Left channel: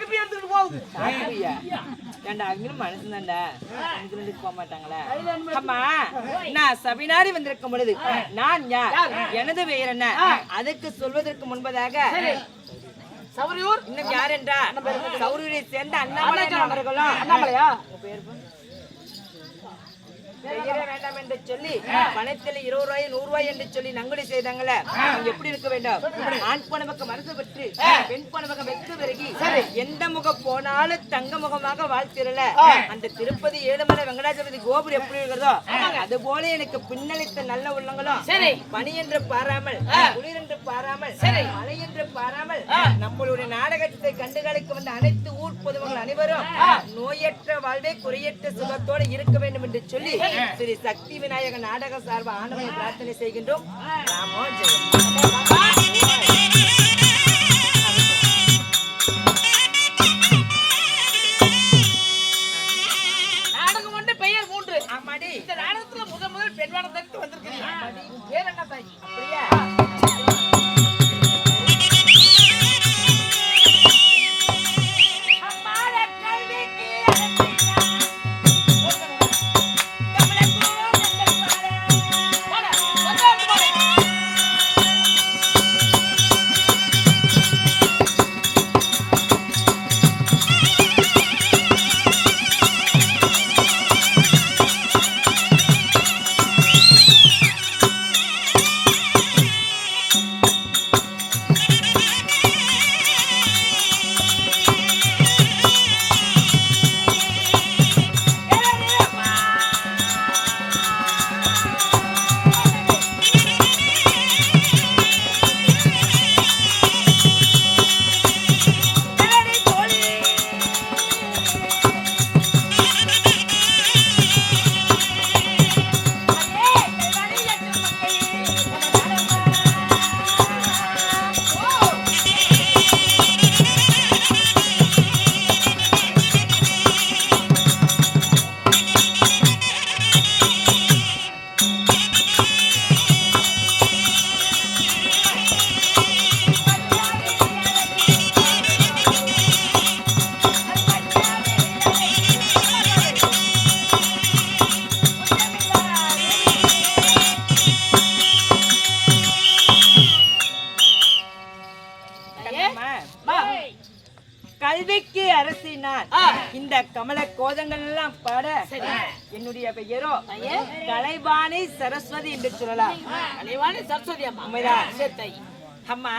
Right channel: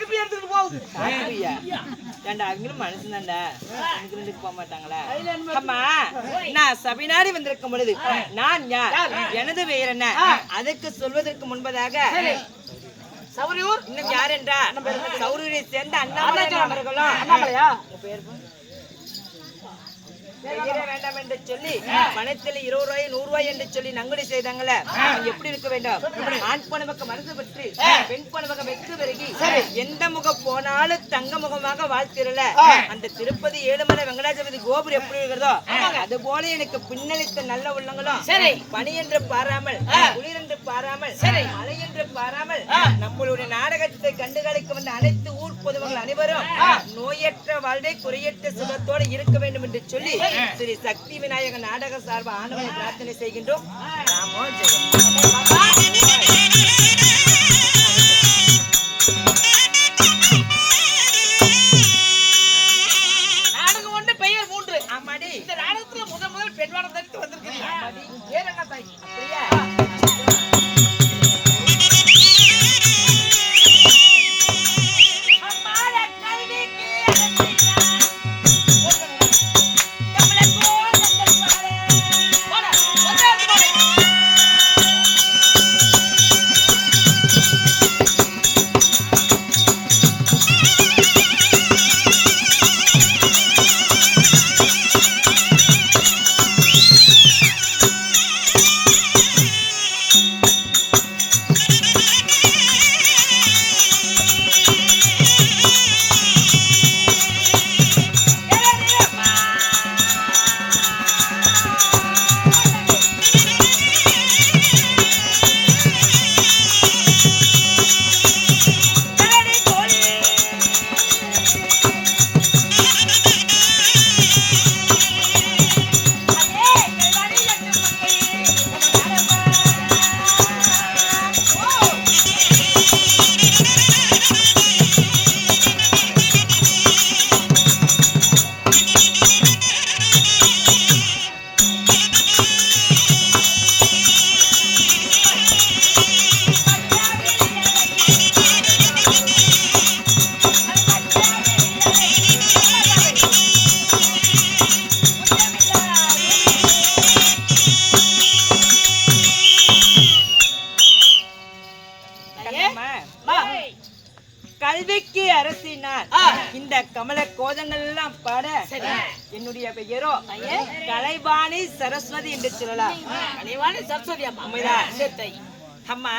சாக்கு எடுத்துட்டு போகுது. சாக்குயா ஏண்டா அவங்களும் மனசு தான்டா எனக்கு ரெண்டுக்கு போக மாட்டாங்களா? அம்மா நான் சபைநாடி வந்திருக்கும் பொழுது நான் யார், எனது பெயர் என்ன, அதற்கு சொல்வதற்கு முன்பதாக சௌரியூர் இன்னும் யார் என்றா சௌரியூரை சேர்ந்த அண்ணாமலை அவர்களும். அண்ணாமலையா உங்க பேர் பெயரே வேண்டாம் என்று சொல்லி பணத்தில் 20 ரூபாய் 100 ரூபாய் என்று சொல்லி நங்குடி செய்தாங்களே, எப்படி இருக்க வேண்டும்? ஆண் பணமுக மனசு பற்றி பெண் பணமுக வெற்றி பெருகி எந்த முகம் போனாலும் தங்க முகமாக வாழ்த்திரல அந்த திருப்பதி ஏழுமலை வெங்கடாஜபதி கோபுரம் எப்படி இருக்கிறதோ அது போல எனக்கு பின்னளித்த நல்ல உள்ளங்களும் பனி என்று பாராமல் குளிர் என்று பாராமல் மழை என்று பாராமல் நம்மளுடைய நாடகத்தை கண்டுகளிக்க வந்த அனைத்து ஊர் பொதுமக்கள் அனைவரும் நோயற்ற வாழ்வை குறையற்ற சுகத்தோடு இருக்க வேண்டும் என்று சொல்லி ஸ்ரீ சக்தி விநாயக நாடக சார்பு ஆண்டவனை பிரார்த்தனை செய்கின்றோம். ராமோ ஜெயம். நாடகம் ஒன்று பெயர் 3. ஆமாடி இந்த நாடகத்துல முதல் பெண் வேடம் தரித்து வந்திருக்கீங்க. பேர் என்ன தாய்? அப்படியா? கல்விக்கு அரசினார் இந்த கமல கோதண்டெல்லாம் பாட என்னுடைய பெயரோ கலைவாணி சரஸ்வதி என்று சொல்லலாம். கலைவாணி சரஸ்வதி அம்மா. உண்மைதான் அம்மா.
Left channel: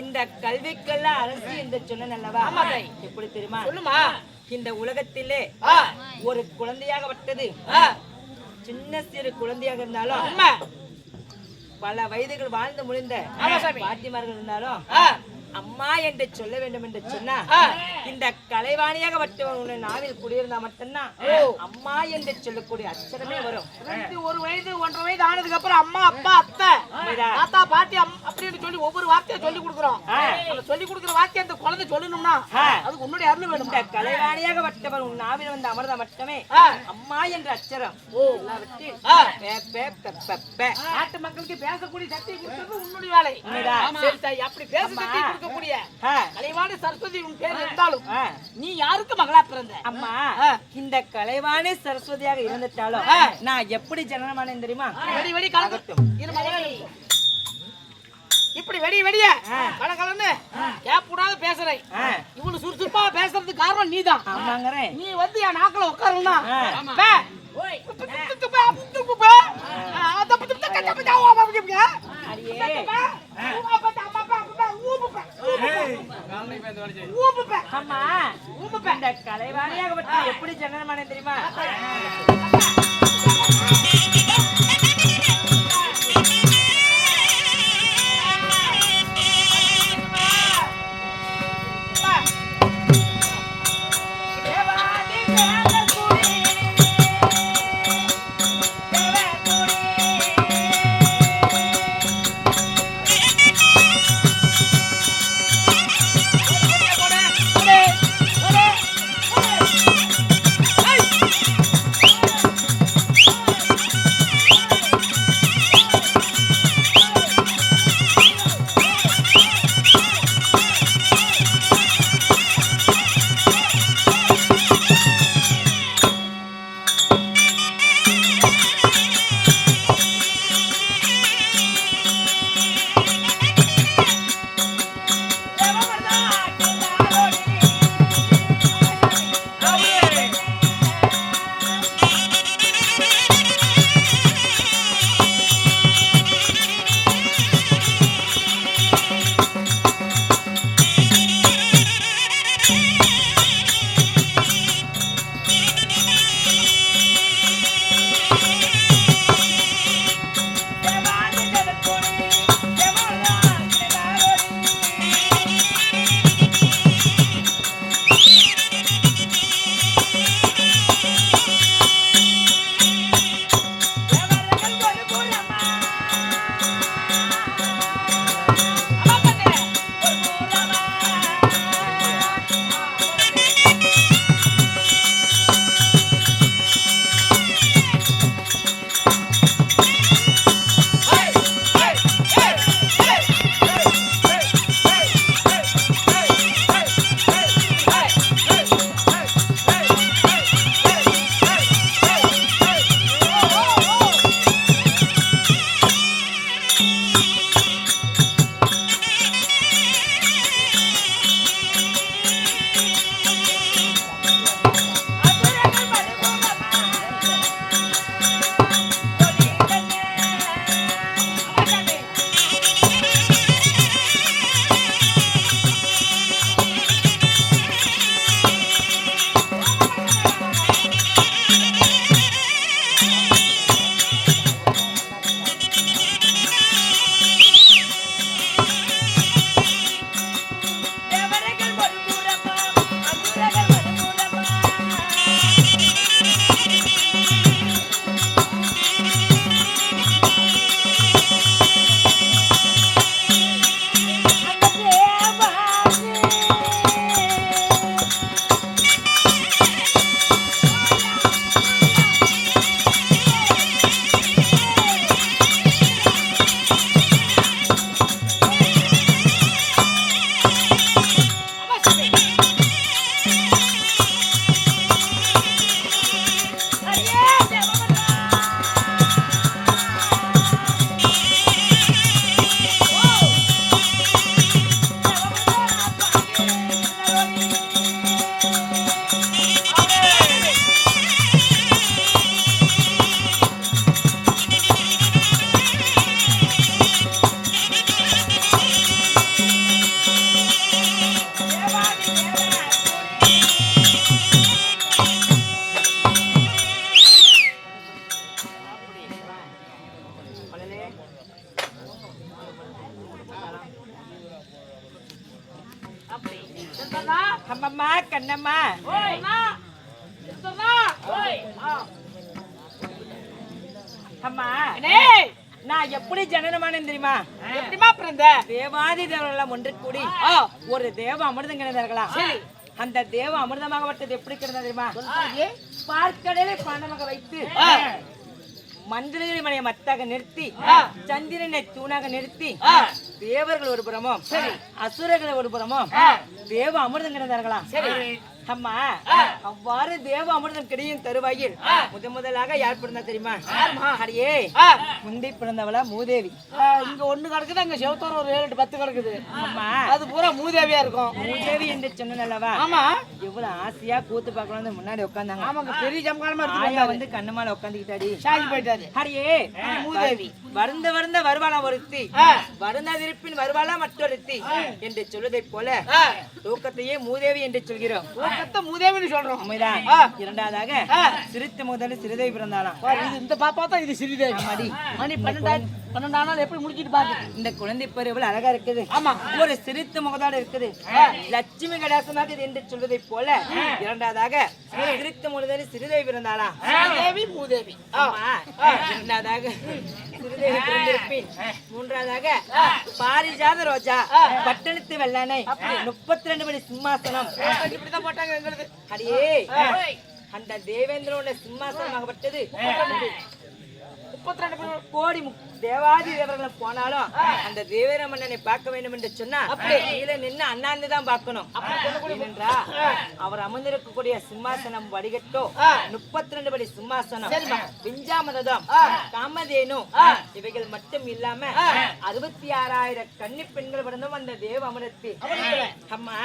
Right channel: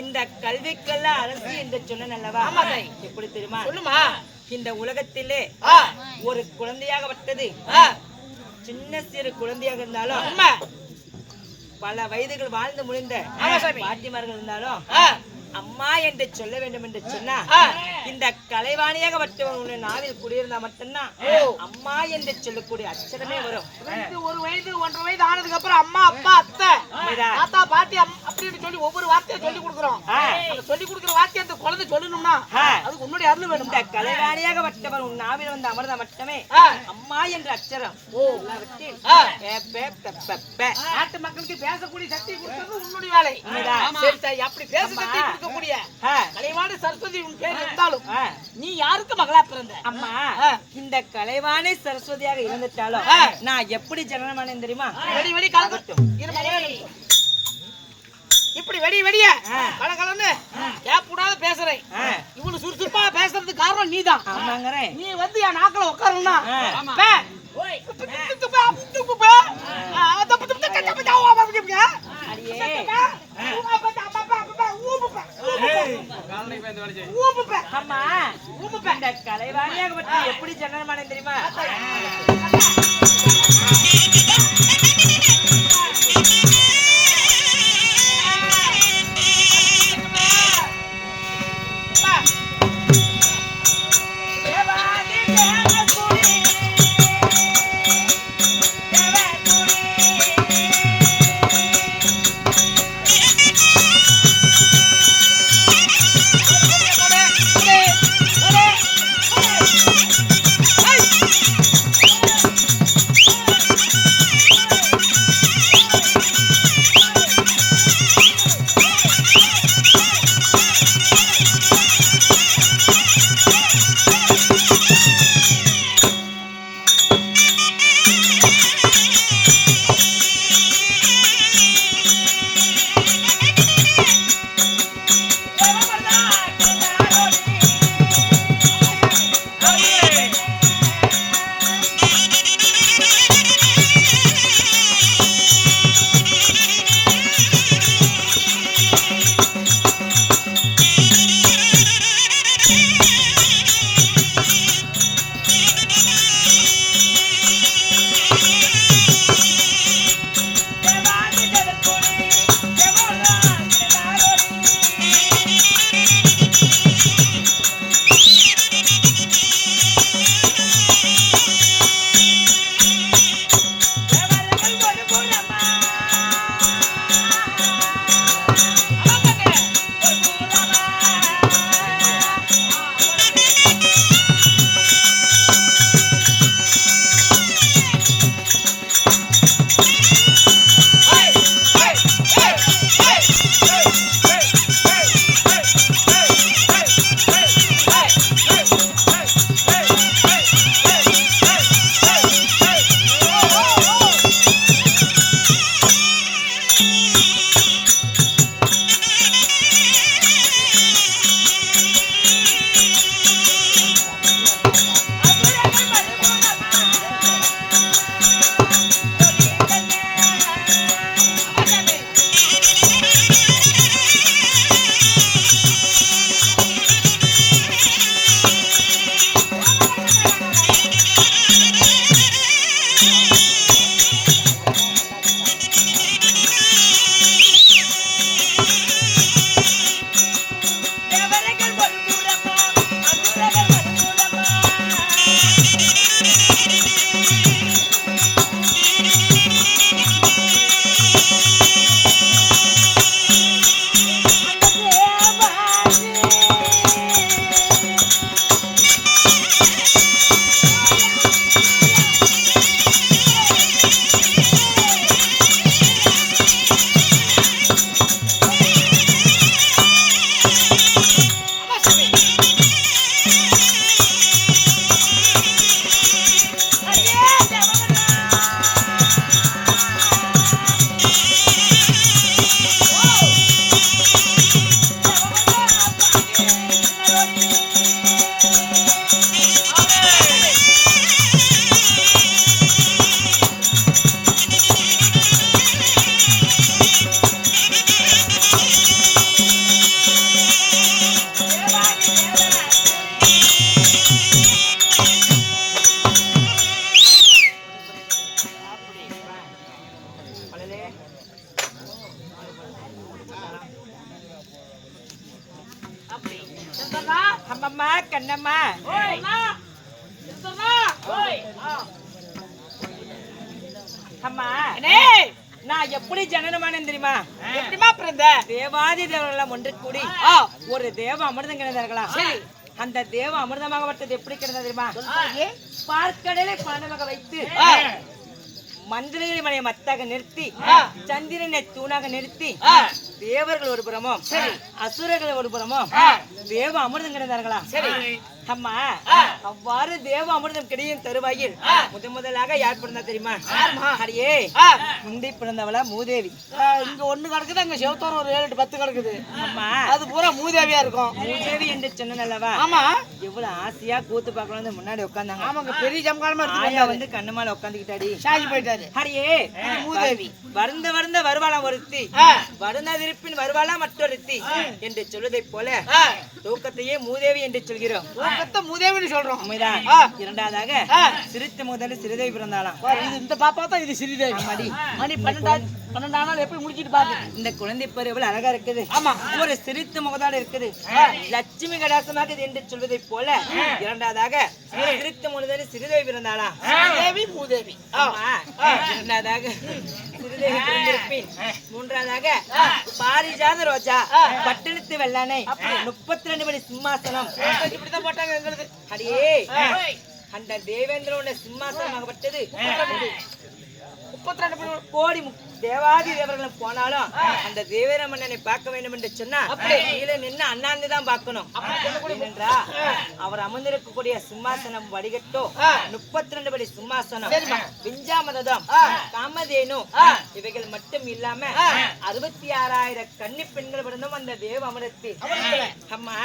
இந்த கல்விக்கெல்லாம் அரசி என்று சொன்ன அல்லவா? எப்படி தெரியுமா? சொல்லுமா. இந்த உலகத்திலே ஒரு குழந்தையாகப்பட்டது சின்ன சிறு குழந்தையாக இருந்தாலும் பல வயதுகள் வாழ்ந்து முடிந்த பாட்டிமார்கள் இருந்தாலும் அம்மா என்று சொல்ல வேண்டும் என்று சொன்னா இந்த கலைவாணியாக வட்டவன் நாவில் குடியிருந்தா மட்டும்தான் அம்மா என்று சொல்லக்கூடிய அச்சரமே வரும். 1 வயது 1.5 வயது ஆனதுக்கு அப்புறம் அம்மா அப்பா அத்தை தாத்தா பாட்டி அப்படின்னு சொல்லி ஒவ்வொரு வார்த்தையை சொல்லி கொடுக்குறோம். சொல்லி கொடுக்குற வார்த்தை அந்த குழந்தை சொல்லணும்னா அதுக்கு உன்னுடைய அருள் வேணும். இந்த கலைவாணியாக வட்டவன் உன் நாவில் வந்து அமர்ந்தா மட்டுமே அம்மா என்ற அச்சரம் நாட்டு மக்களுக்கு பேசக்கூடிய சக்தி கொடுக்கிறது உன்னுடைய வேலை. அப்படி பேச சக்தி கொடுக்கக்கூடிய கலைவாணி சரஸ்வதி உன் பேர் இருந்தாலும் நீ யாருக்கு மகளா பிறந்த? அம்மா இந்த கலைவாணி சரஸ்வதியாக இருந்துட்டாலும் நான் எப்படி ஜனனமானேன் தெரியுமா? வெடி வெடி கலகட்டும் இப்படி வெடி வெடிய கலகலன்னு கேப்பூடாத பேசுறேன். இவ்வளவு சுறுசுறுப்பா பேசுறதுக்கு காரணம் நீதான். நீ வந்து என் நாக்கில உட்காரணும்னா கலைவாணியாக எப்படி ஜனனமானேன் தெரியுமா? அம்மம்மா கண்ணம்மா அம்மா நான் எப்படி ஜனனமானேன் தெரியுமா? எப்படிமா பிறந்த? தேவாதி தேவர்களெல்லாம் ஒன்று கூடி ஒரு தேவ அமிர்தம் கிடந்தார்களாம். அந்த தேவ அமிர்தமாகப்பட்டது எப்படி கிடந்தது தெரியுமா? பார்க்கடலை பாண்டமாக வைத்து மந்திரங்களை மலையை மத்தாக நிறுத்தி சந்திரனை தூணாக நிறுத்தி தேவர்கள் ஒரு புறமும் அசுரர்கள் ஒரு புறமும் தேவ அமிர்தம் கிடந்தார்களா? அம்மா அவ்வாறு தேவ அமிர்தம் கிடையும் தருவாயில் முதலாக யார் பிறந்தா தெரியுமா? அடியே முந்தி பிறந்தவளா மூதேவி. இங்க ஒண்ணு கிடக்குது, அங்க செவத்தோர ஒரு 7 10 கிடக்குது. அம்மா அது பூரா மூதேவியா இருக்கும். மூதேவி என்று சொன்னல்லவா? ஆமா. எவ்வளவு ஆசையா கூத்து பார்க்கணும் முன்னாடி உட்கார்ந்தாங்க. ஆமாங்க, பெரிய ஜம்காலமா ஆயா வந்து கண்ணு மேல உட்காந்துக்கிட்டாடி சாகி போயிட்டாரு. அடியே மூதேவி வருந்த வருவாளா ஒருத்தி, வருந்தாதிருப்பின் வருவாளா மற்றொருத்தி என்று சொல்வதை போல தூக்கத்தையே மூதேவி என்று சொல்கிறோம். மூதேவின்னு சொல்றோம். உண்மைதான். இரண்டாவதாக சிறுத்தை முதல்ல சிறுதேவி பிறந்தாலாம். இந்த பாப்பா தான் இது சிறுதேவி. மணி 12 நாள் எப்படி முடிச்சிட்டு பாக்கு. இந்த குழந்தை பேர் எவ்வளவு அழகா இருக்குது. ஆமா, ஒரு சிரித்த முகத்தோட இருக்குது. லட்சுமி கடாசமாக என்று சொல்வதை போல இரண்டாவதாக சிரித்த முதல்ல சிறுதேவி பிறந்தாலாம். தேவி மூதேவி. இரண்டாவதாக சிறுதேவி பிறந்திருப்பின் மூன்றாவதாக பாரிஜாத ரோஜா பட்டணத்து வெள்ளானை 32 படி சிம்மாசனம் இப்படிதான் போட்டாங்க எங்களுக்கு. அடியே அந்த தேவேந்திரோட சிம்மாசனமாகப்பட்டது 32 கோடி தேவாதி தேவர்களும் போனாலும் அந்த தேவேர மன்னனை பார்க்க வேண்டும் என்று சொன்னா கீழே நின்று அண்ணாந்து தான் பார்க்கணும். ஏனென்றா அவர் அமர்ந்திருக்கக்கூடிய சிம்மாசனம் வடிகட்டோ 32 படி சிம்மாசனம், விஞ்சாமதம், காமதேனு இவைகள் மட்டும் இல்லாம 66,000 கன்னி பெண்கள் பிறந்தும் அந்த தேவ அமிர்தத்தில். அம்மா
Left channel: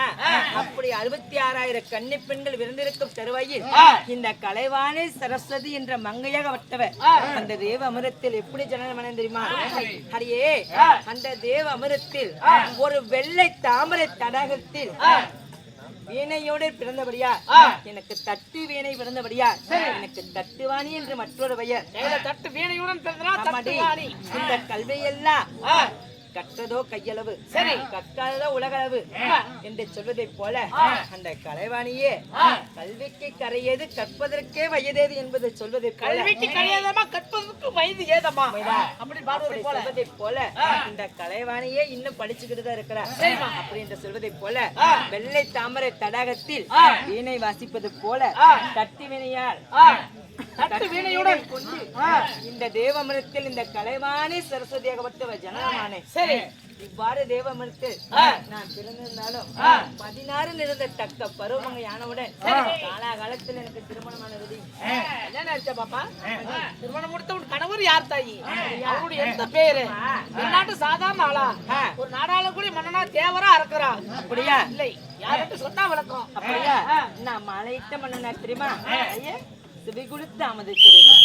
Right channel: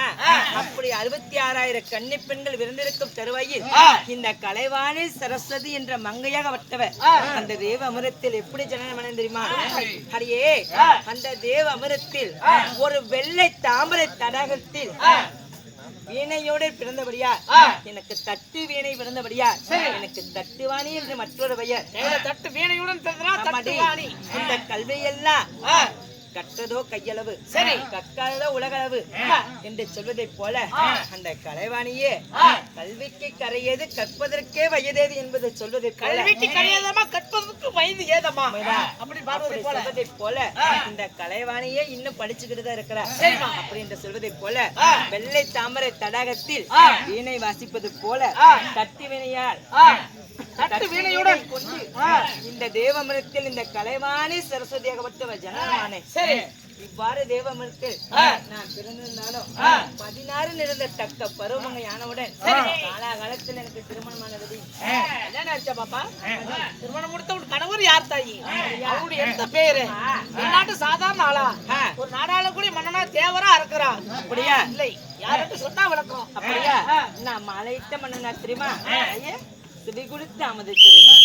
அப்படி 66,000 கன்னி பெண்கள் விருந்திருக்கும் தருவாயில் இந்த கலைவாணி சரஸ்வதி என்ற மங்கையாக வட்டவர் அந்த தேவ அமிர்தத்தில் எப்படி ஜனனம் அடைந்து அடியே அந்த தேவ அமிர்தத்தில் ஒரு வெள்ளை தாமரை தடாகத்தில் வீணையோடு பிறந்தபடியா எனக்கு தட்டு வீணை பிறந்தபடியா எனக்கு தட்டுவாணி என்று மற்றொரு பெயர். தட்டு வீணையுடன் இந்த கல்வியெல்லாம் கற்றதோ கையளவு, சரி கற்காததோ உலகளவு என்று சொல்வதை போல அந்த கலைவாணியே கல்விக்கு கரையேது கற்பதற்கே வயதேது என்பதை சொல்வதை போல கற்பதற்கு வயது ஏதமா அப்படி சொல்வதை போல இந்த கலைவாணியே இன்னும் படிச்சுக்கிட்டு தான் இருக்கிறார். அப்படி என்று சொல்வதை போல வெள்ளை தாமரை தடாகத்தில் வீணை வாசிப்பது போல தட்டி வினையால் கொண்டு இந்த தேவமிருத்தில் இந்த கலைவாணி சரஸ்வதியாகப்பட்டவர் ஜனனமானே. இவ்வாறு தேவமிருத்தில் நான் பிறந்திருந்தாலும் 16 நிறந்த தக்க பருவமங்கை ஆனவுடன் காலகாலத்தில் எனக்கு திருமணமானது. என்ன நினைச்சா பாப்பா? திருமணம் முடித்த உன் கணவர் யார் தாயி? அவருடைய எந்த பேரு? நாட்டு சாதாரண ஆளா? ஒரு நாடாள கூட மன்னனா தேவரா இருக்கிறா? அப்படியா? இல்லை, யாருக்கு சொன்னா விளக்கம். அப்படியா? நான் மலையிட்ட மன்னனா தெரியுமா? செவி கொடுத்து அமர்ந்திருக்க வேண்டும்.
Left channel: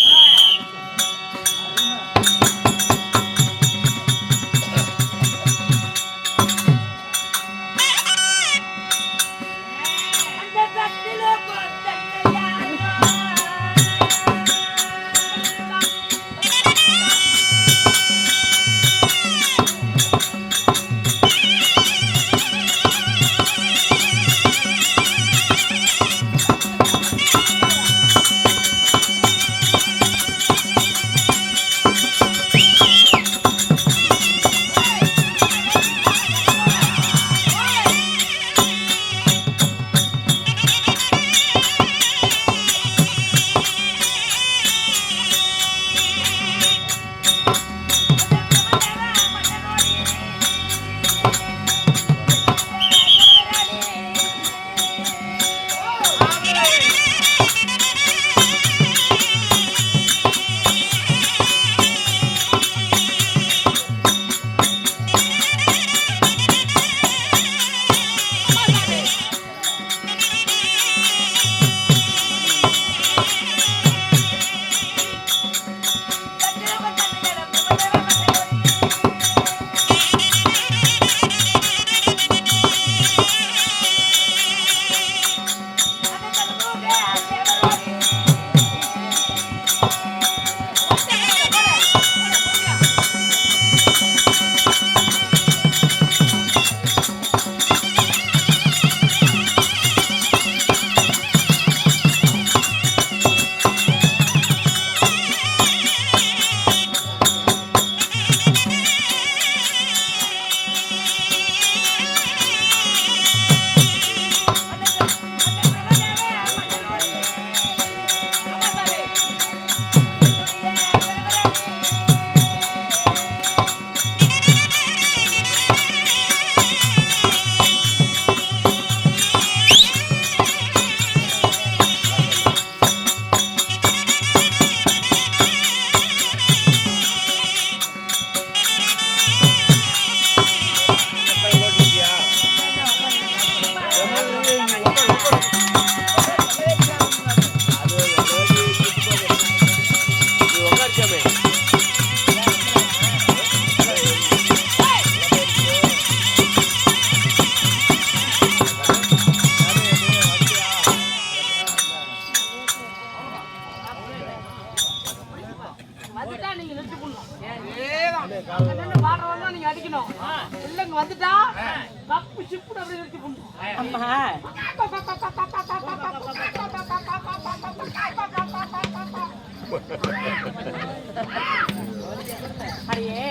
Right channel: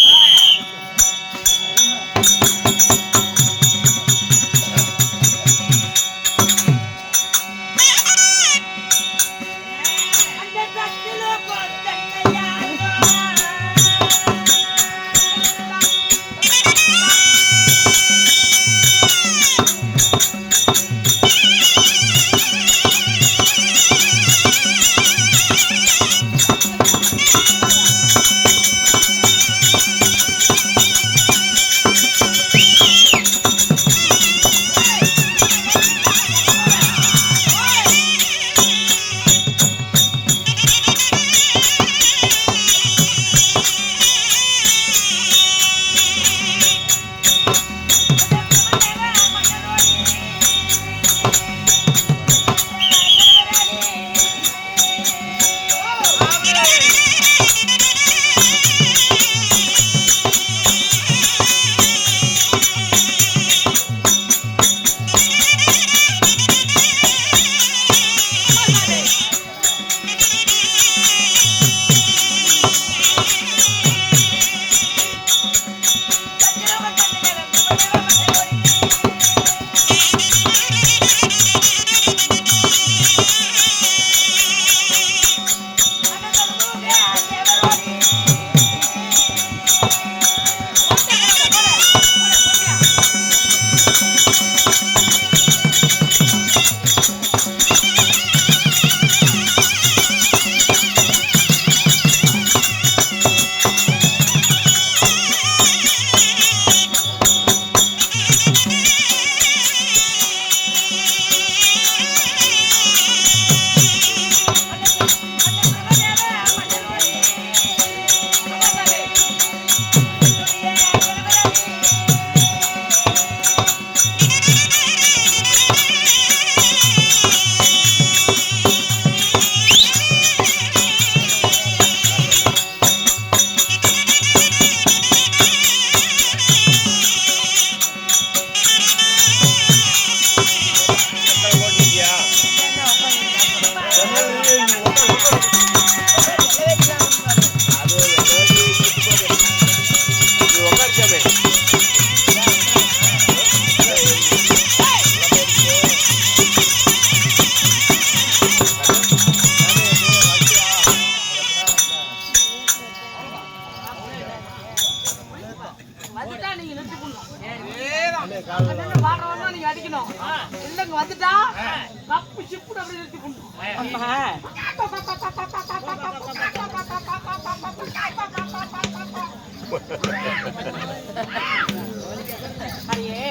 அடியே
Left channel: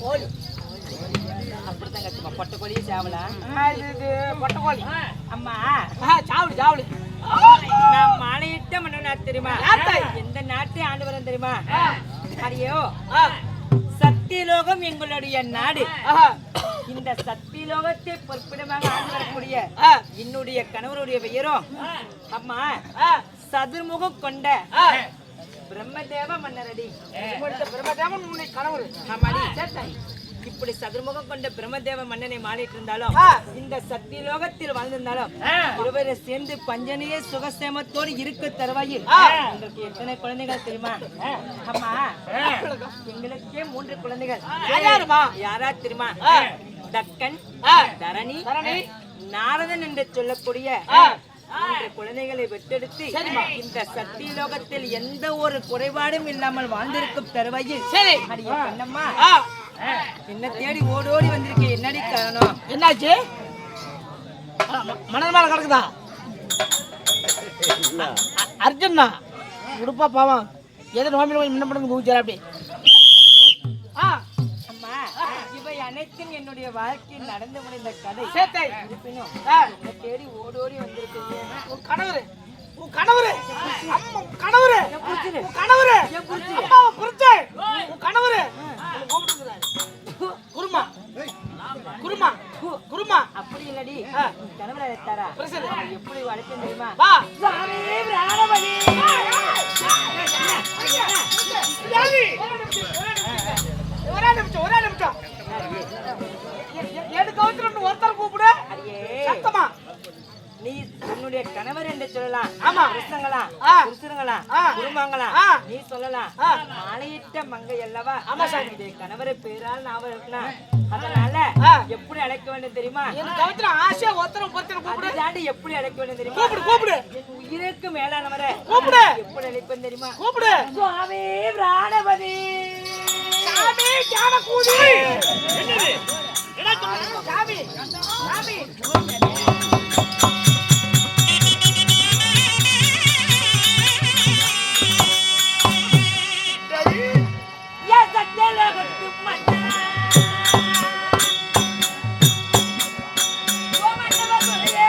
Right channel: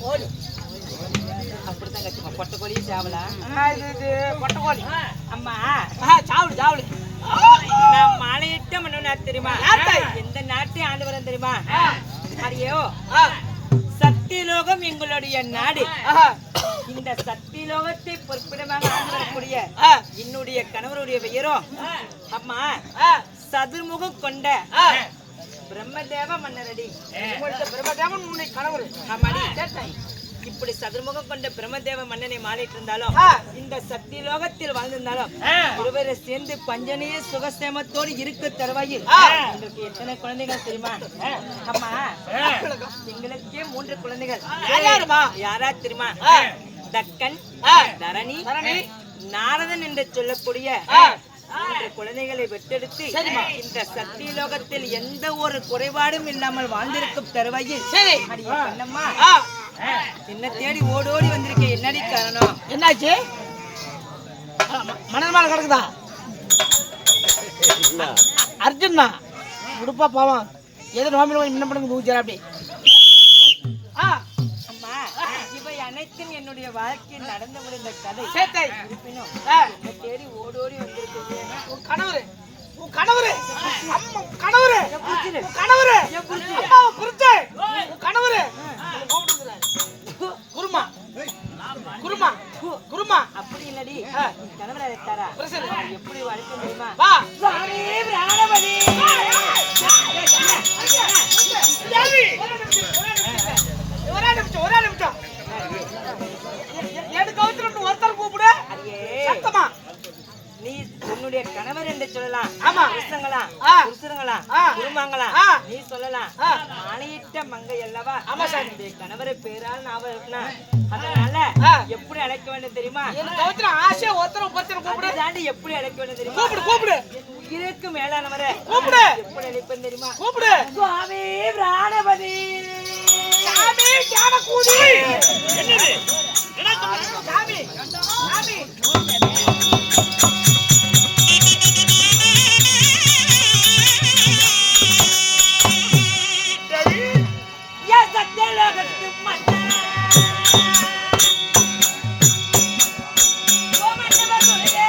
கோழி அப்படித்தான் கத்துமா பொட்டை கோழியே சாவலாம் இது பொட்டக்கோழி. அம்மா சாவடு சாவடு. நான் மாலையிட்ட மன்னனா தெரியுமா? யார்த்தை? எந்த நாட்டை ஆண்டு வரேன் தெரியுமா? அடியோ ஆ, சத்தியலோகம் எங்களுடைய நாடு. ஆஹா, இந்த சத்தியலோகத்தை பொறுப்பிடமாக ஆண்டு வரக்கூடிய ஆ, என்னுடைய கணவருடைய பெயரோ அம்மா ஆ, சதுர்முகம் கொண்ட ஆ. பிரம்மதேவ மன்னரடி. உங்கள்ட்ட பிரம்மதேவன் உன்னை கணவர். ஆமாடி. சேட்டை. இப்படி சதுர்முகம் கொண்ட பிரம்மதேவ மன்னனை மாலையிட்டு இருந்தாலும் ஆ. இந்த சத்தியலோகத்தில் வாழ்ந்திருந்தாலும் இருவரை சேர்ந்து பஞ்சனிலே சுகசேமத்தோடு இருக்க தருவாயில் ஆ. உங்களுக்கு எத்தனை குழந்தைகள் தெரியுமா? அம்மா எங்களுக்கே 3 குழந்தைகள். யாருமா? யாரா தெரியுமா? ஆ. தக்கன், ஆ. தரணி, தரணி, நாரதன் என்று சொல்லக்கூடிய ஆ. 3 குழந்தைகளை பெற்றெடுத்து சரிம்மா. இந்த சத்தியலோகத்தில் எந்த ஒரு குறைபாடும் இல்லாமல் வாழ்ந்திருக்கும் தருவாயில் சரி. அடியே கண்ணம்மா ஆ, என்ன தேடி ஓடோடி வந்திருக்கேன். என்னடி காரணம்? என்னாச்சு? மணல் மேல கிடக்குதா? அர்ஜுன்னா உடுப்பா பாவம் எது நோம்பில போய் முன்ன பண்ணுங்க ஊச்சார் அப்படி. ஆ, அம்மா இவை அனைத்தும் என்னுடைய வாழ்க்கையில் நடந்து முடிந்த கதை. சேட்டை. இருப்பினும் ஆ, என்ன தேடி ஓடோடி வந்திருக்கீங்க. உன் கணவரு, உன் கணவரு, அம்மா, உன் கணவரு, புரிச்சுது. உன் கணவரு, ஏன் புரிச்சு? அம்மாவை புரிச்சு, உன் கணவரு உன்னை கூப்பிட்டுக்கிறாரு. குருமா, குருமா, குருமா. அப்படி இல்லடி கணவரை அழைத்தாரா? புரிச்சுது. அவன் எப்படி வளர்க்க தெரியுமா? வா. சாமி பிராணபதி. ஒரே நிமிஷம். எனக்கு கவுத்துறன்னு ஒருத்தர் கூப்பிடு. அடியே சத்தமா. நீ உன்னுடைய கணவர் என்று சொல்லலாம். ஆமா. புருஷங்களா ஆ. புருஷங்களா ஆ. குடும்பங்களா ஆ. நீ சொல்லலாம். ஆ. மாலையிட்ட மங்கை அல்லவா? ஆமா சார். என்னுடைய கணவரை பேரால் ஞாபகம் இருக்குனா அதனால ஆ. எப்படி அழைக்க வேண்டும் தெரியுமா? எனக்கு கவுத்துற ஆசையா ஒருத்தர் ஒருத்தர் கூப்பிடு. அதை தாண்டி எப்படி அழைக்க வேண்டும் தெரியுமா? கூப்பிடு. என் உயிருக்கு மேலானவரை கூப்பிடு. எப்படி அழைப்பேன் தெரியுமா? கூப்பிடு. சுவாமி பிராணபதி. சாமி ஞானக்கூதி. என்னது? சாமி, சாமி. என் சத்தியலோகத்து மன்னா. ஓ மன்னவ சொல்லுவே.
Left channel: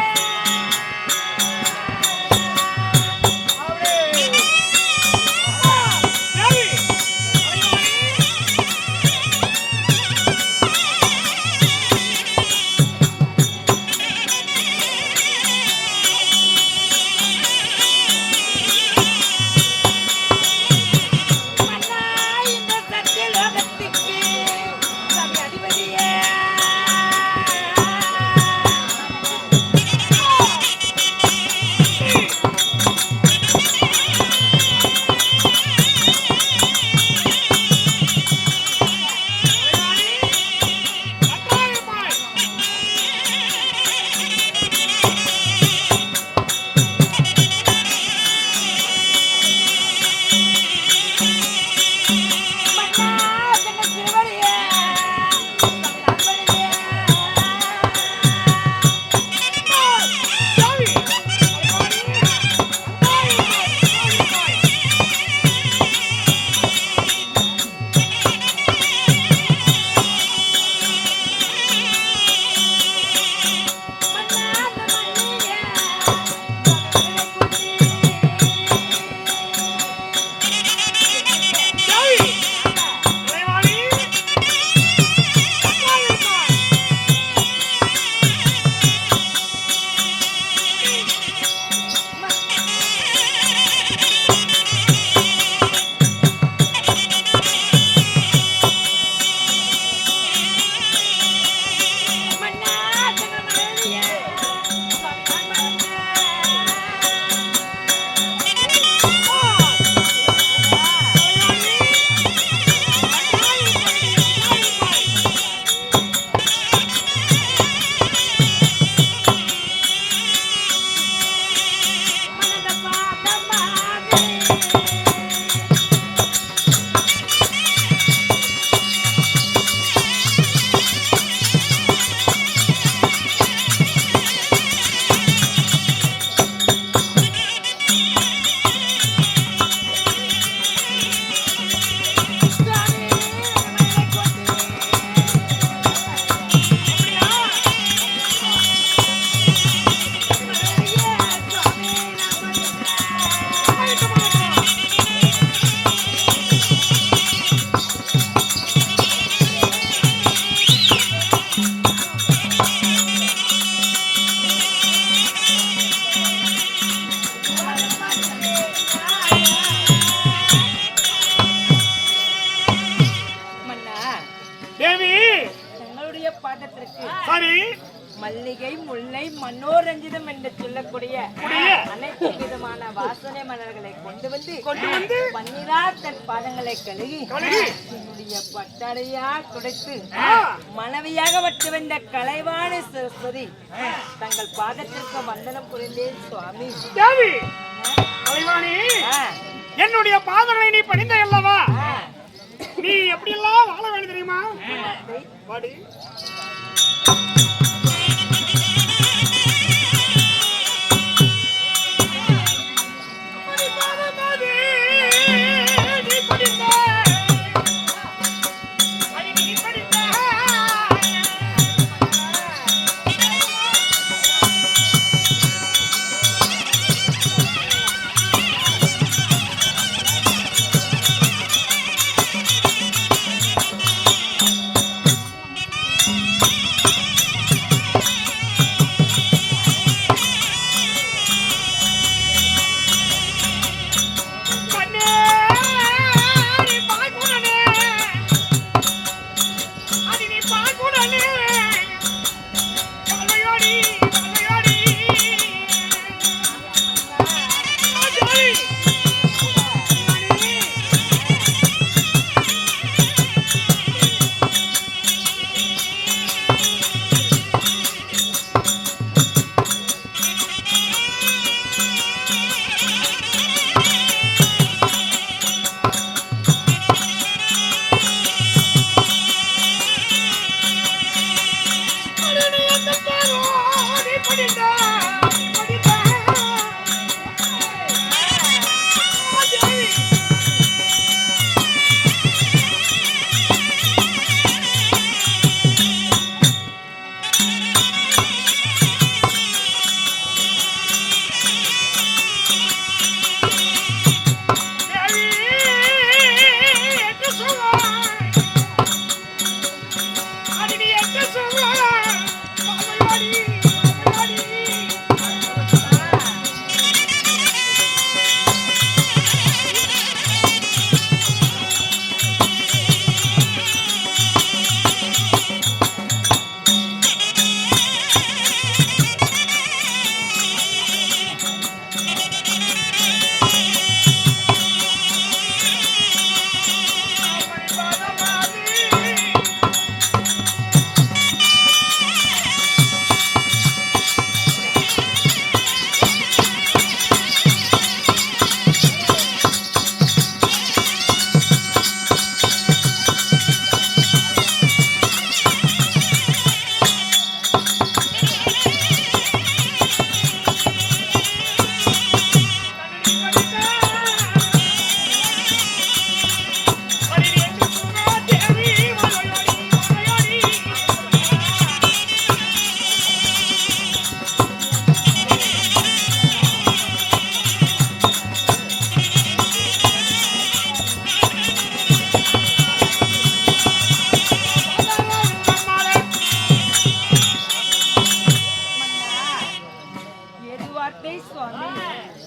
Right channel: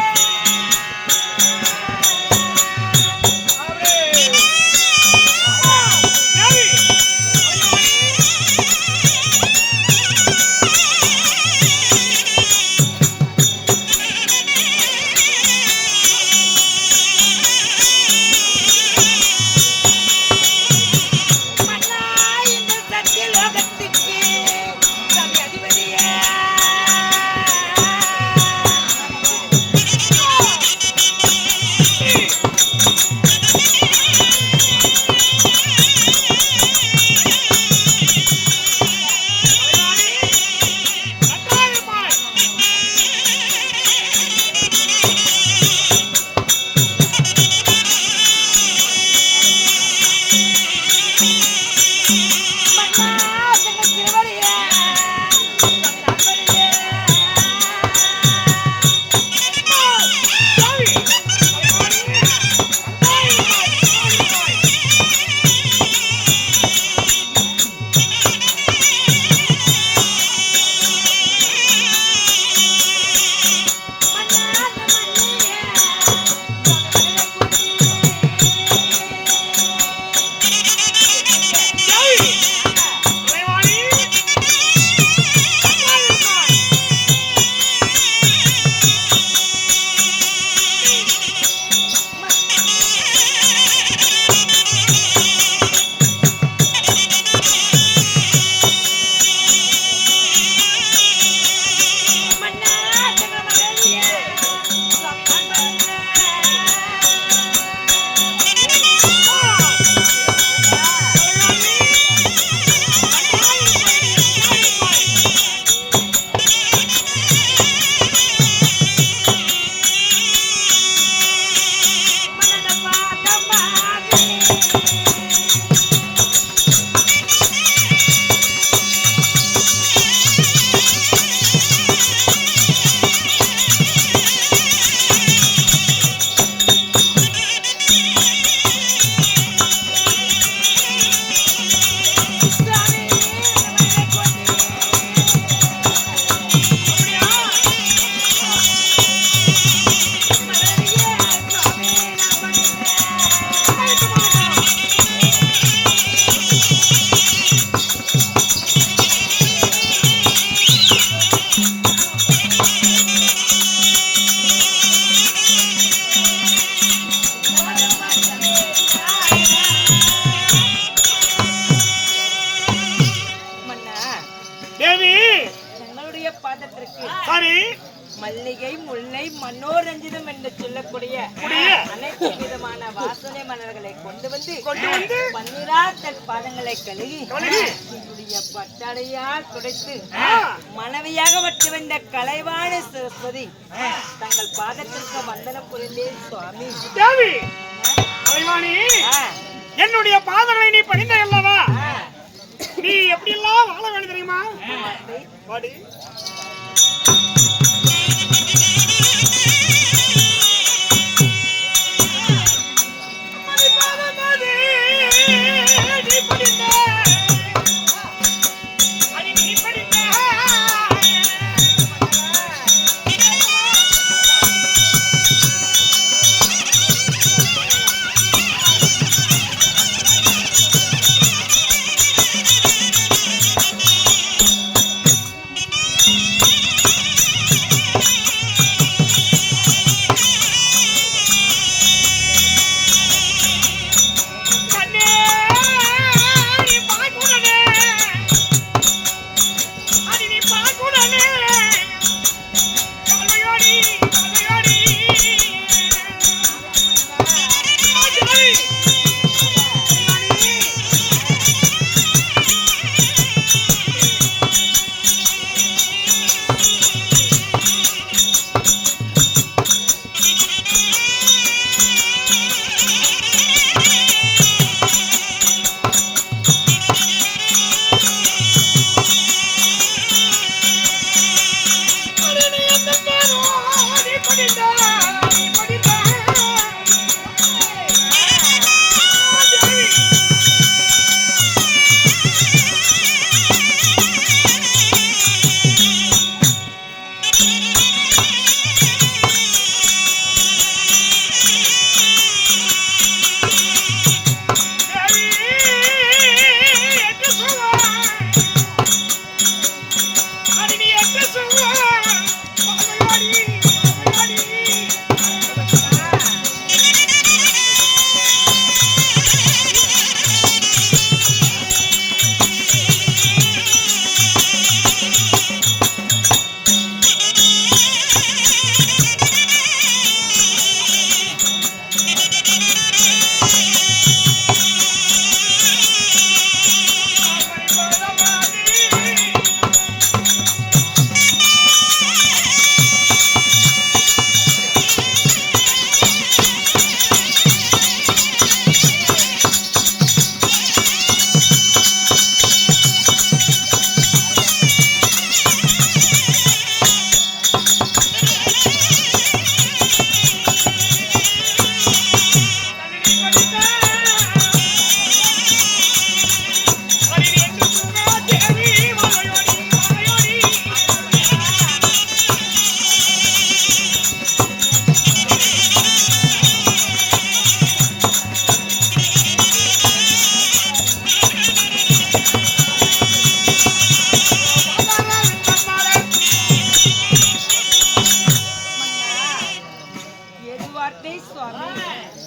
மல்லிகை, முல்லை, மனோரஞ்சிதம் என்று சொல்லக்கூடிய அனைத்து விதமான வாசனை மலர்களை கொண்டு வந்து பன்னீரால் தன் பாதங்களை கழுகி என்னுடைய பட்டாடையால் துடைத்து மனைவியாக வட்டு வந்த கலைவாணி சரஸ்வதி தங்கள் பாதத்திற்கு வந்தனம் புரிந்தேன் சுவாமி. என்னுடைய பாதங்களை நீ பணிந்த அல்லவா? நீ எப்படி எல்லாம் வாழ வேண்டும் தெரியுமா? வாடி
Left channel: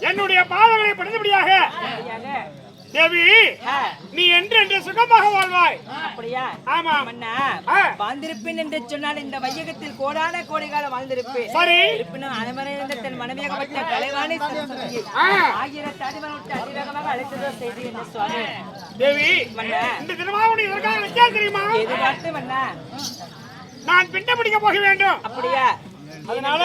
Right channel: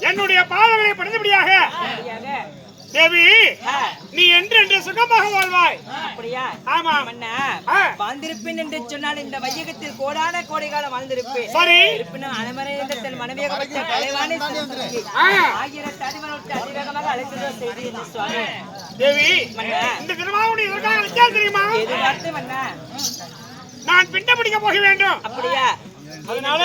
என்னுடைய பாதங்களை பணிந்தபடியாக தேவி நீ என்று சுகமாக வாழ்வாய். அப்படியா? ஆமா மன்னா, வாழ்ந்திருப்பேன் என்று சொன்னால் இந்த வையகத்தில் கோடான கோடி காலம் வாழ்ந்திருப்பேன். சரி, இருப்பினும் அனைவரையும் தன் மனைவியாக வைத்த தலைவாணி சரஸ்வதியை ஆயிரத்து அடிமனத்தை அதிவேகமாக அழைத்து செய்தி என்ன சுவாமி? தேவி மன்னா, இந்த தினமாக உனக்கு இதற்காக நிச்சயம் தெரியுமா? எதிர்பார்த்து மன்னா, நான் பிண்ட பிடிக்க போக வேண்டும். அப்படியா? அதனால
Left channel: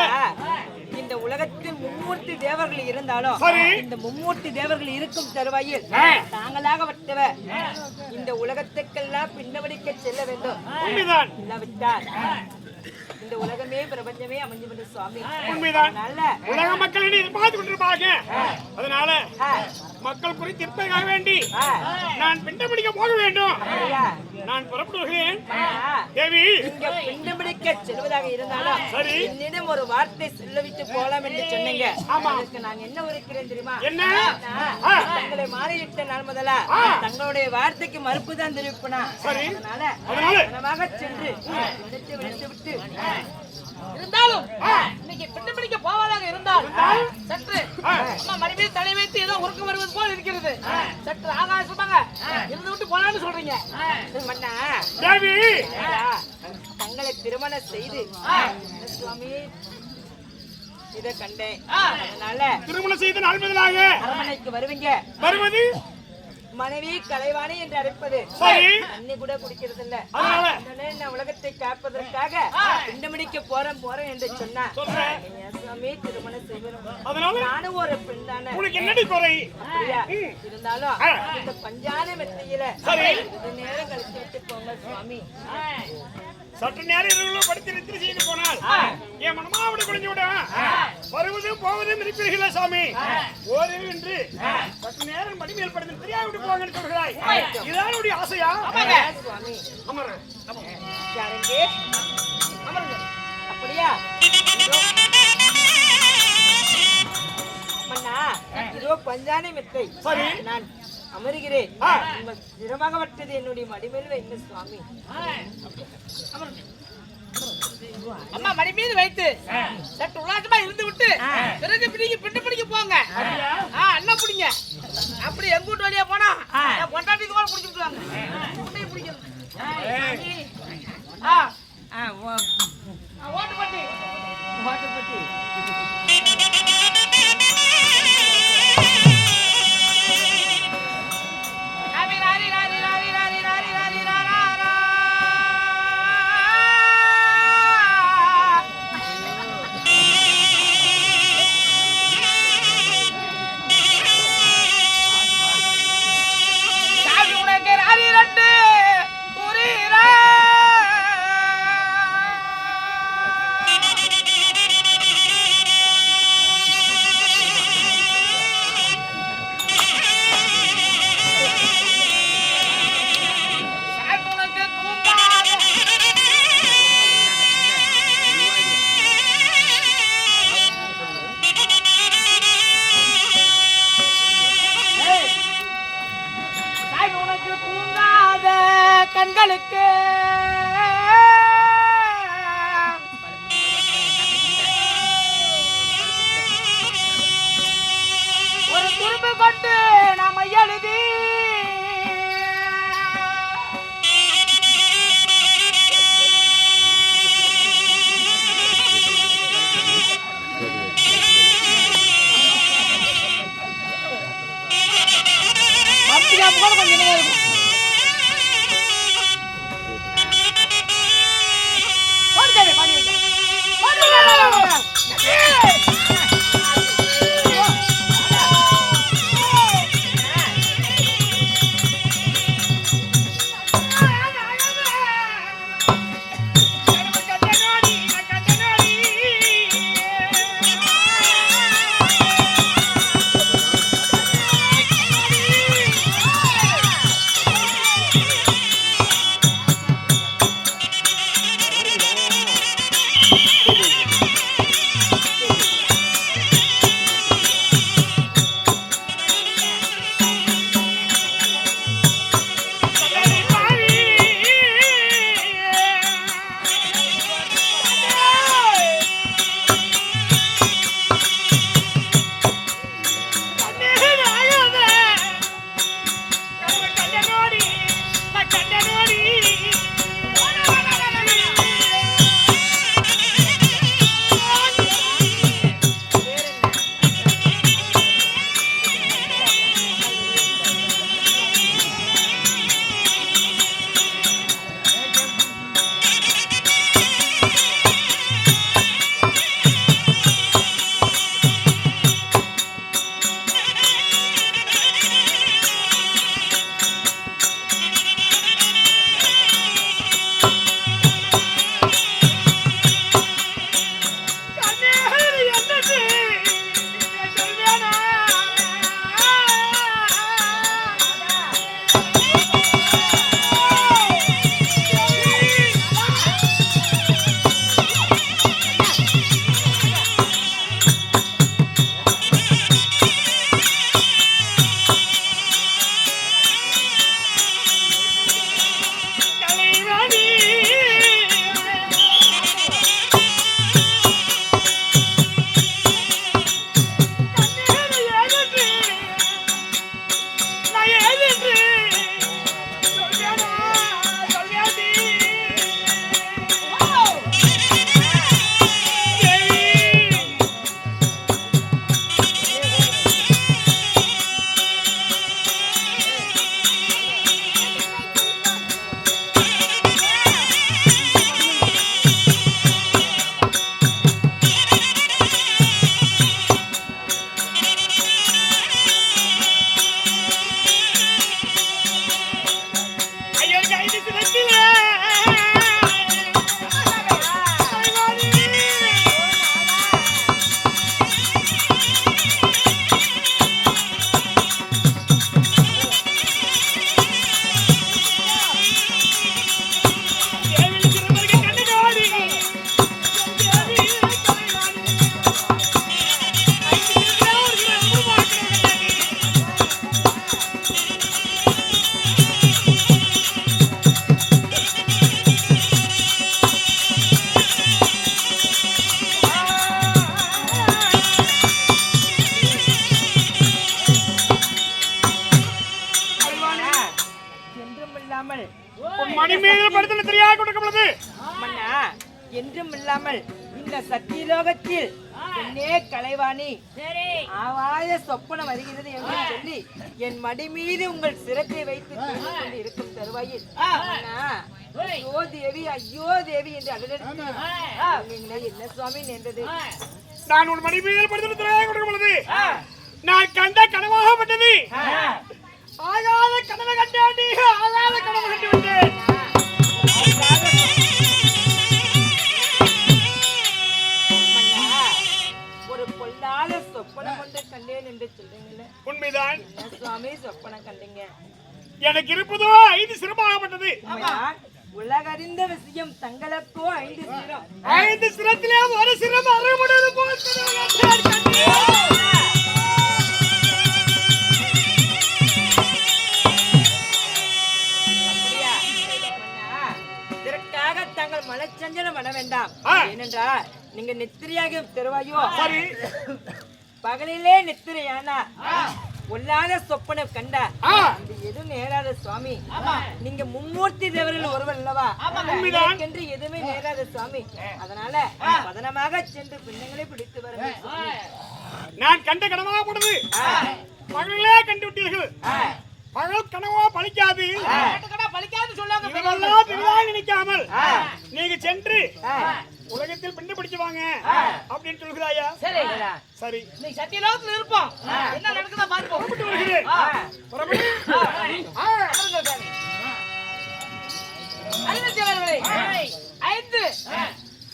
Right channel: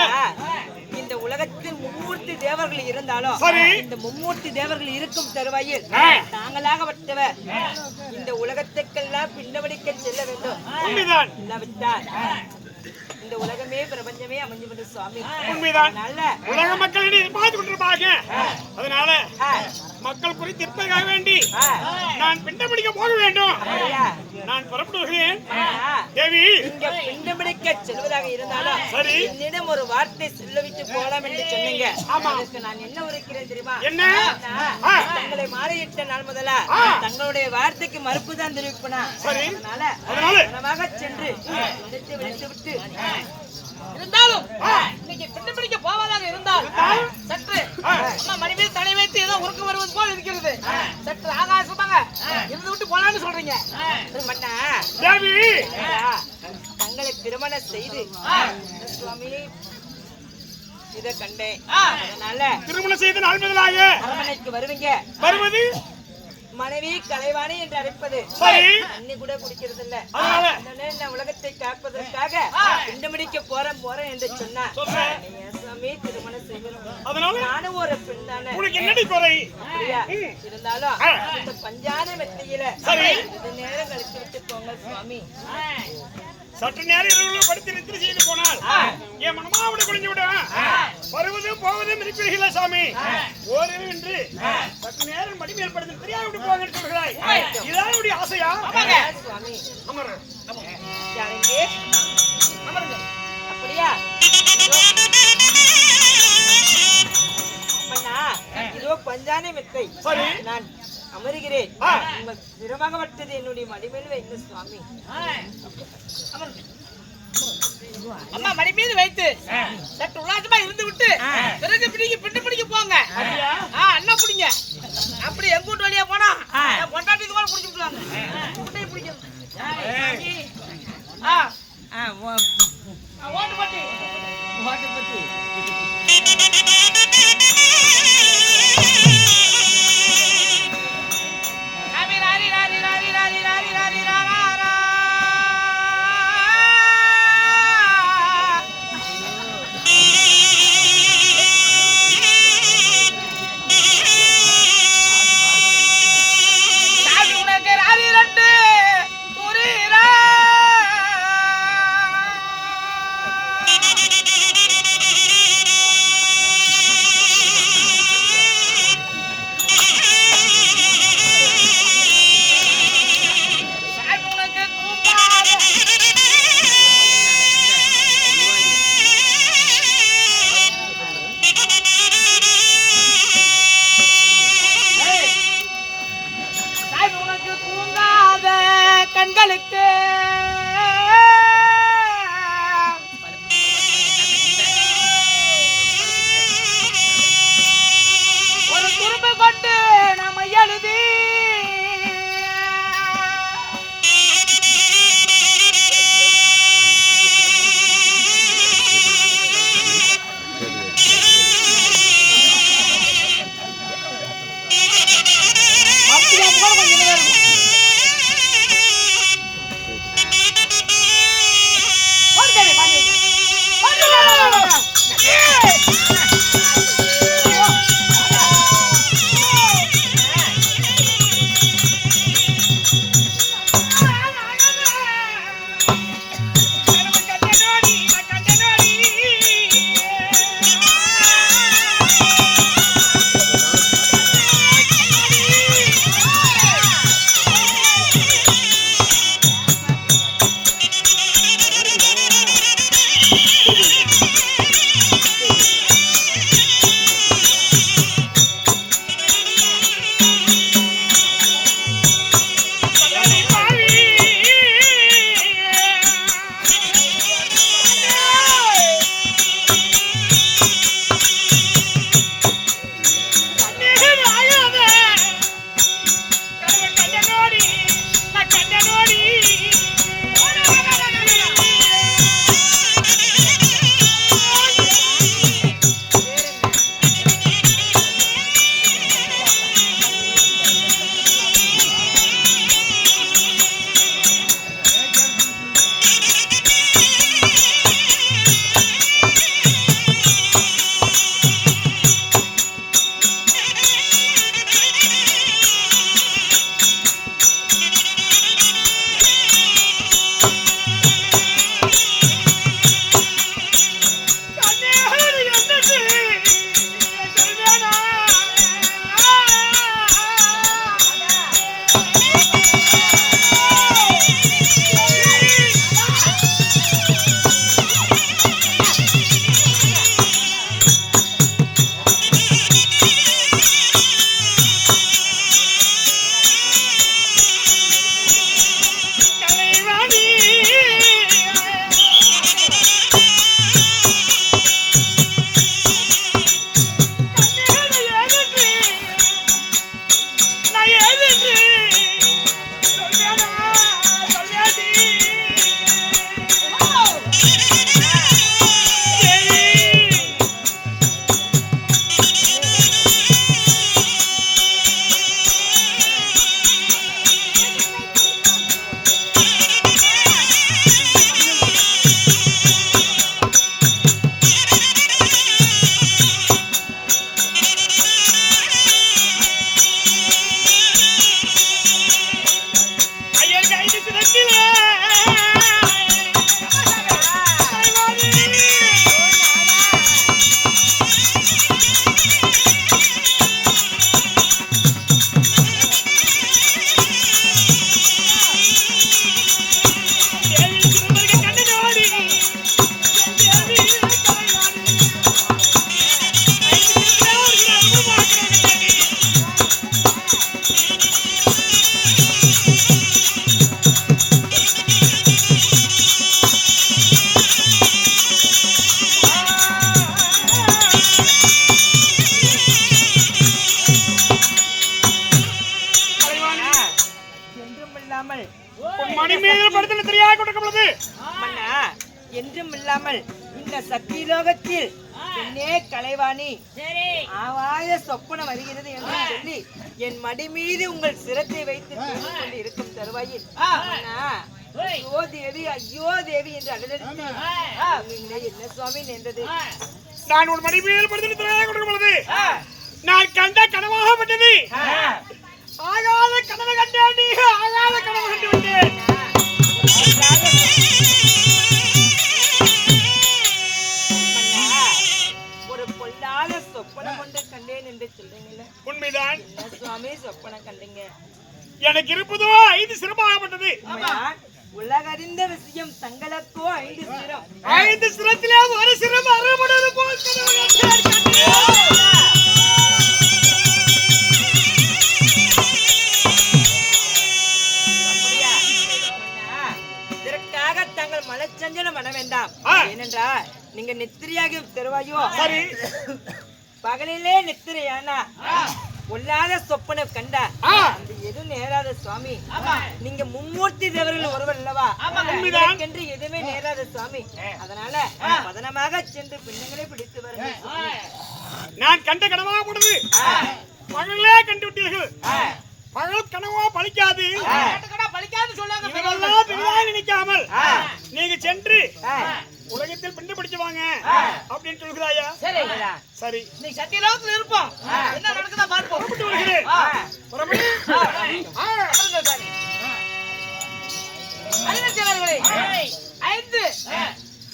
இந்த உலகத்தில் மும்மூர்த்தி தேவர்கள் இருந்தாலும் இந்த மும்மூர்த்தி தேவர்கள் இருக்கும் தருவாயில் தாங்களாக வட்டவர் இந்த உலகத்துக்கெல்லாம் பின்னவடிக்க செல்ல வேண்டும். இல்லாவிட்டால் இந்த உலகமே பிரபஞ்சமே அமைஞ்சு வந்து சுவாமி. நல்ல உலக மக்கள் எதிர்பார்த்து கொண்டிருப்பாங்க. அதனால மக்கள் குறித்து இருப்பதற்காக வேண்டி நான் பிண்டம் பிடிக்க போக வேண்டும். நான் புறப்படுகிறேன். தேவி, இங்க பிண்டம் பிடிக்க செல்வதாக இருந்தாலும் என்னிடம் ஒரு வார்த்தை சொல்லவிட்டு போலாம் என்று சொன்னீங்க. அதுக்கு நான் என்ன உரைக்கிறேன் தெரியுமா? என்ன? தங்களை மாறியிட்ட நாள் முதலா தங்களுடைய வார்த்தைக்கு மறுப்புதான் தெரிவிப்பனா. அதனால மனமாக சென்று விட்டு விட்டு இருந்தாலும் இன்னைக்கு பிண்டம் பிடிக்க போவதாக இருந்தால் சற்று அம்மா மணி மீது தலை வைத்து ஏதோ உறக்க வருவது போல் இருக்கிறது. சற்று ஆகாசமாக இருந்து விட்டு போலான்னு சொல்றீங்க. தங்களை திருமணம் செய்து என்ன சுவாமி இத கண்டேன். அதனால திருமணம் செய்து நாள் முதலாக அரண்மனைக்கு வருவீங்க. வருவது மனைவி கலைவாணி என்று அழைப்பது சரி. தண்ணி கூட குடிக்கிறது இல்ல. அதனால நான் உலகத்தை காப்பதற்காக பிண்டமடிக்க போறேன் என்று சொன்னா சுவாமி திருமணம் செய்கிறோம். அதனால நானும் ஒரு பெண் தானே. உனக்கு என்னடி குறை? அப்படியா? இருந்தாலும் இந்த பஞ்சான மெத்தையில இது நேரம் கழித்து விட்டு போங்க சுவாமி. சற்று நேரம் இரவுல படுத்து நித்திரை செய்து போனால் என் மனமாவிட குடிஞ்சு விடும். வருவதும் போவதும் இருப்பீர்களா சாமி? ஓரிரு என்று சற்று நேரம் மடிமேல் படுத்து தெரியாது விட்டு போங்க சொல்கிறாய். இதான் என்னுடைய ஆசையா? சுவாமி அமரு. யாருங்க? அமருங்க. அப்படியா? அண்ணா இதோ பஞ்சானை மெத்தை நான் அமருகிறேன். உங்கள் திறமாகப்பட்டது என்னுடைய மடிமேல் வைங்க சுவாமி. அம்மா மடி மீது வைத்து சற்று உல்லாசமா இருந்து விட்டு பிறகு பிண்டு பிடிக்க போங்க. அண்ணா பிடிங்க. அப்படி எங்க வீட்டு வழியா போனா பொண்டாட்டி கூட பிடிச்சி விட்டுவாங்க. கூட்டையை பிடிக்கிறது ஓட்டுப்பட்டி ஓட்டுப்பட்டி கண்களுக்கு ஒரு துரும்பு கொண்டு நாம எழுதி மத்தியா போல கொஞ்சம் இருக்கும். மட்டுமல்லாமல் இந்த சத்தியலோகத்தில் என்னே கலைவாணி ஆவாய சொப்பனம் வருகிறது என்று சொல்லி என் மடி மீது உங்கள் சிரத்தை வைத்து பேசிக் கொண்டு இருக்கும் தருவாயில் ஐயோ தேவி ஐயோ தேவி என்று அடலடித்து என்ன சுவாமி நின்றது? நான் உன் மடி மீது கொடுக்கும் பொழுது நான் கண்ட கனவாகப்பட்டது. ஆகாத கனவு கண்டேன், ஆகாத கனவு கண்டு விட்டேன். ஒரு பொல்லாத சொப்பனம் கொண்டு கண்டேன் என்று சொல்றீங்கல்ல, உண்மைதான். என்ன சுவாமி சொப்பனம் கண்டீங்க? எனக்கு இருப்பதோ 5 சிரமாகப்பட்டது. உலகறிந்த விஷயம், தங்களுக்கோ 5 சிரம். 5 சிரத்திலே ஒரு சிரம் அறுபடுவது போல் இதற்காக தங்கள் மனச்சஞ்சலம் பண்ண வேண்டாம். ஏனென்றால் நீங்க நித்திரையாக தருவாயோ, பகலிலே நித்திரையானா பொல்லாத சொப்பனம் கண்டா அந்த எதுவும் நேராத சுவாமி. நீங்க மும்மூர்த்தி தேவர்கள் ஒருவர் அல்லவா, என்று எதுவுமே நேராத சுவாமி. அதனால பதனமாக சென்று பின்னங்களை பிடித்து வருங்க. நான் கண்ட கனவாக போனது பகலே கண்டு விட்டீர்கள். பகல் கனவா பலிக்காது, இதெல்லாம் நினைக்காமல் நீங்க சென்று உலகத்தில் பிண்டு பிடிச்சு வாங்க அப்படின்னு சொல்கிறாயா? சரி, நீ சத்தியலோகத்தில் இருப்போம். என்ன நடக்குதா பார்ப்போம். புறப்பட்டு வருகிறேன். அறிஞர்களே, 5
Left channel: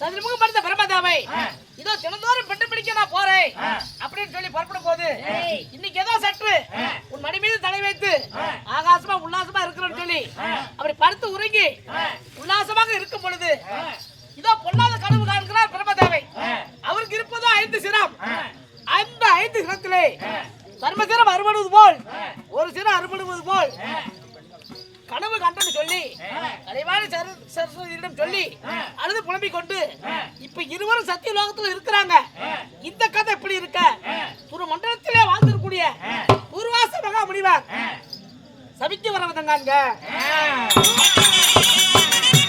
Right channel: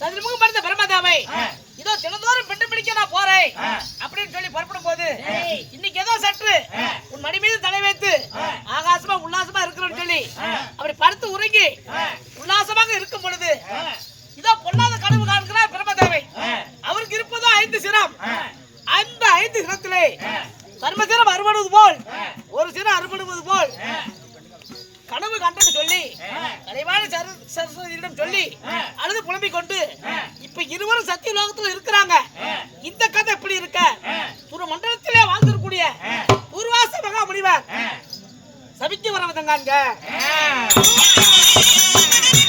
சதுர்முகம் படைத்த பிரம்மதாவை இதோ தினந்தோறும் பெண்டு பிடிக்க நான் போறேன் அப்படின்னு சொல்லி புறப்படும் போது இன்னைக்கு ஏதோ சற்று உன் மடி மீது தலை வைத்து ஆகாசமா உல்லாசமா இருக்கிறோன்னு சொல்லி அப்படி படுத்து உறங்கி உல்லாசமாக இருக்கும் பொழுது இதோ பொல்லாத கனவு காண்கிறார் பிரம்மதேவை. அவருக்கு இருப்பதோ 5 சிரம். அந்த 5 சிரத்திலே சர்மசிரம் அறுபடுவது போல் ஒரு சிரம் அறுபடுவது போல் கனவு கண்டன்னு சொல்லி கலைவாணி சரஸ்வதியிடம் சொல்லி அழுது புலம்பிக் கொண்டு இப்ப இருவரும் சத்திய லோகத்துல இருக்கிறாங்க. இந்த கதை எப்படி இருக்க? ஒரு மண்டலத்திலே வாழ்ந்திருக்கூடிய பூர்வாச மகா முனிவர் சபித்து வரவதங்க.